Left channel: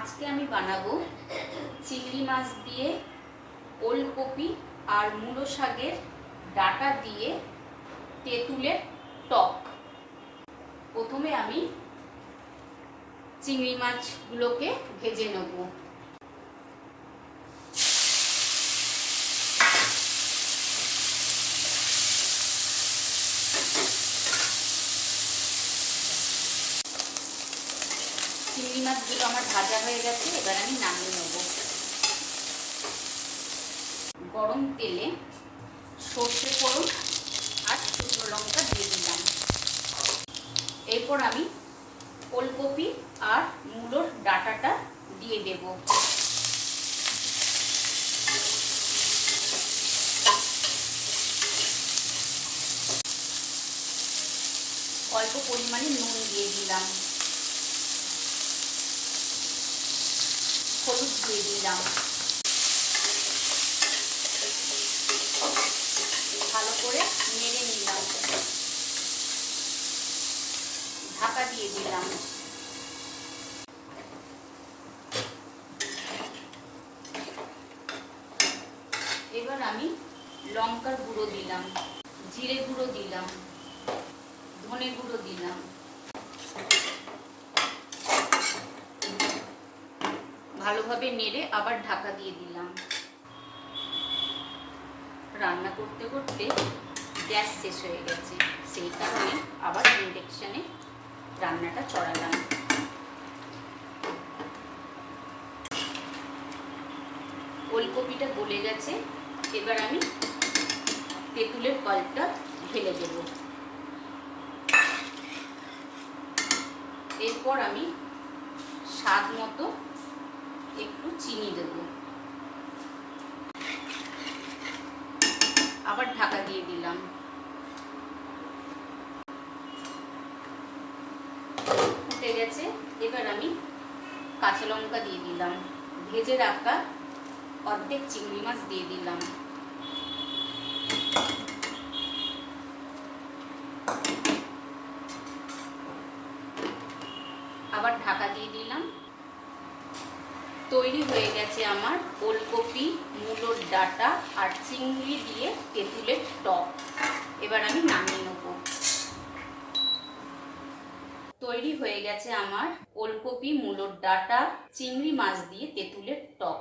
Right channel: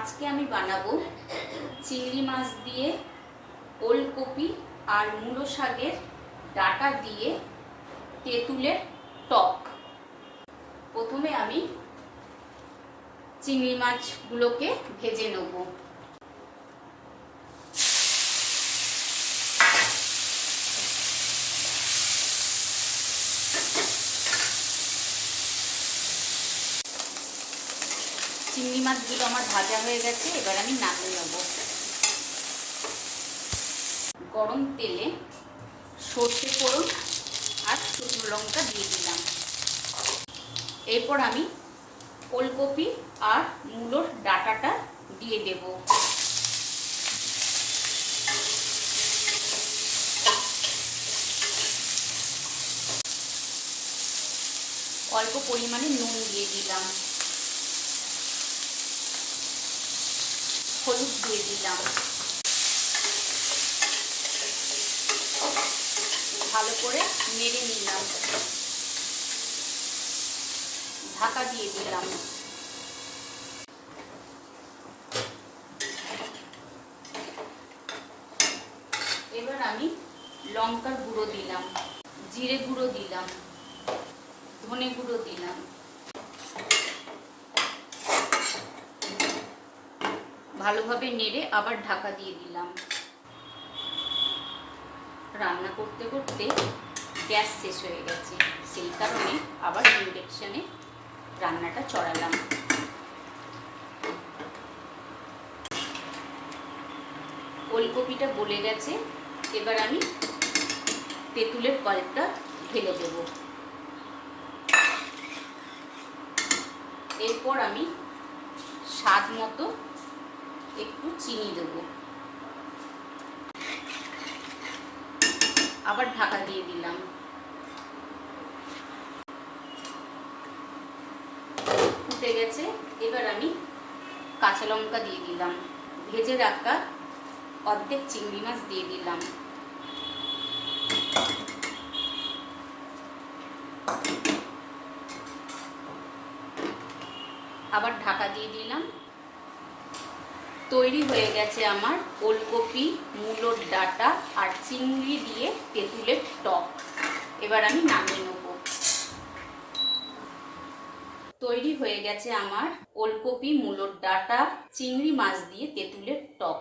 আজকে আমি বানাবো চিংড়ি মাছ দিয়ে ওলকপি আর মূলো শাকের ডাঁটা দিয়ে তেঁতুলের টক। প্রথমে আমি চিংড়ি মাছগুলোকে ভেজে নেব। চিংড়ি মাছগুলো আমার ভাজা হয়ে গেছে, এবার আমি নামিয়ে নেব। গরম তেলে সর্ষে ফোড়ন আর শুকনো লঙ্কা দিয়ে দিলাম। এরপর আমি ওলকপি আর মূলোর ডাঁটাটা দিয়ে দেব। অল্প পরিমাণে নুন দিয়ে দিলাম, হলুদ দিয়ে দিলাম। ভালো করে নেড়ে নিলাম, ঢাকা দিয়ে দিলাম। এবার আমি লঙ্কার গুঁড়ো দিলাম, জিরে গুঁড়ো দিলাম, ধনে গুঁড়ো দিলাম। ভালোভাবে নেড়ে আবার ঢাকা দিয়ে দিলাম। রান্না করতে করতে গ্যাস শেষ হয়ে গেছে, সেই কারণে আবার ইন্ডাকশনে রান্নাটা চড়ালাম। ওলকপিটা গলে গেছে, এবার আমি তেঁতুলের পাল্পটা ঢেলে দেব। এরপর আমি স্বাদ মতো একটু চিনি দেব, আবার ঢাকা দিয়ে দিলাম। ফুটে গেছে, এবার আমি কাঁচা লঙ্কা দিয়ে দিলাম, ভেজে রাখা অর্ধেক চিংড়ি মাছ দিয়ে দিলাম। আবার ঢাকা দিয়ে দিলাম। তৈরি হয়ে গেছে আমার ওলকপি, মূলোর ডাঁটা আর চিংড়ি দিয়ে তেঁতুলের টক। এবার আমি নামিয়ে নেব। তৈরি হয়ে গেছে আমার ওলকপি, মূলোর ডাঁটা, চিংড়ি মাছ দিয়ে তেঁতুলের টক।